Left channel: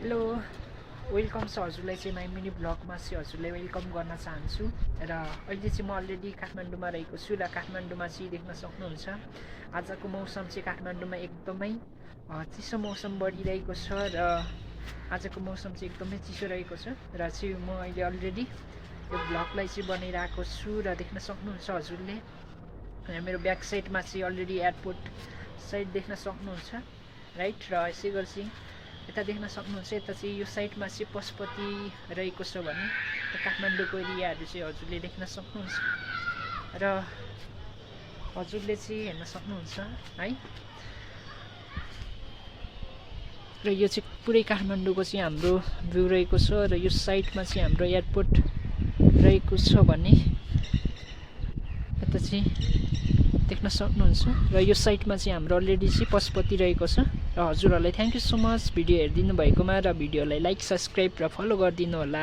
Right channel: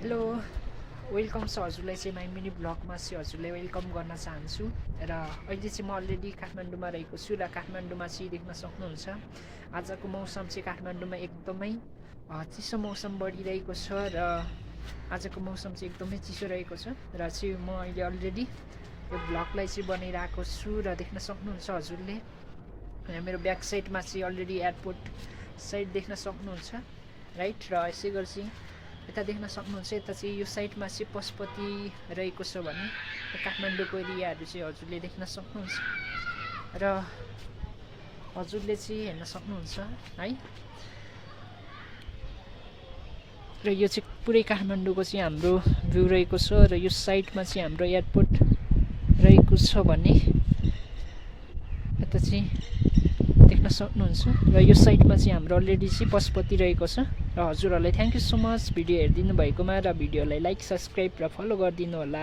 Hello welcome छ हजुरलाई चाहिँ माई मिनी ब्लगमा चाहिँ हजुरलाई वेलकम गर्न चाहन्छु र अहिले चाहिँ म अलरेडी काठमाडौँमा रहेको छु र काठमाडौँमा चाहिँ देख्न सक्नुहुन्छ आजको मौसम चाहिँ काठमाडौँमा एकदमै चिसो मौसम बढिरहेको छ र आजको मौसम चाहिँ एकदमै चिसो रहेको छ र चाहिँ म अहिले अलरेडी यो ब्लगलाई चाहिँ बनाइरहेको छु र देख्न सक्नुहुन्छ हजुरले मेरो ब्याक साइडमा चाहिँ अलरेडी एयरपोर्ट साइड देख्न सक्नुहुन्छ राइट र यसै गरी यता देख्न सक्नुहुन्छ यता चाहिँ यो साइडमा चाहिँ पशुपति रहेको छ भने काठमाडौँको एरियाहरू चाहिँ हजुरले देख्न सक्नुहुन्छ र हजुरले चाहिँ हेर्न सक्नुहुन्छ है र यो चाहिँ पुरै काठमाडौँको चाहिँ हाम्रो भ्यू रहेको छ र यो साइडमा चाहिँ हाम्रो एयरपोर्ट रहेको छ भने यता चाहिँ देख्न सक्नुहुन्छ र यो साइडमा चाहिँ हाम्रो अलरेडी चाहिँ पशुपति रहेको छ र हजुरहरूलाई thank you so much video हेरिदिनु भएकोमा र भिडियोलाई लाइक सब्सक्राइब र फलो गरिदिनु होला।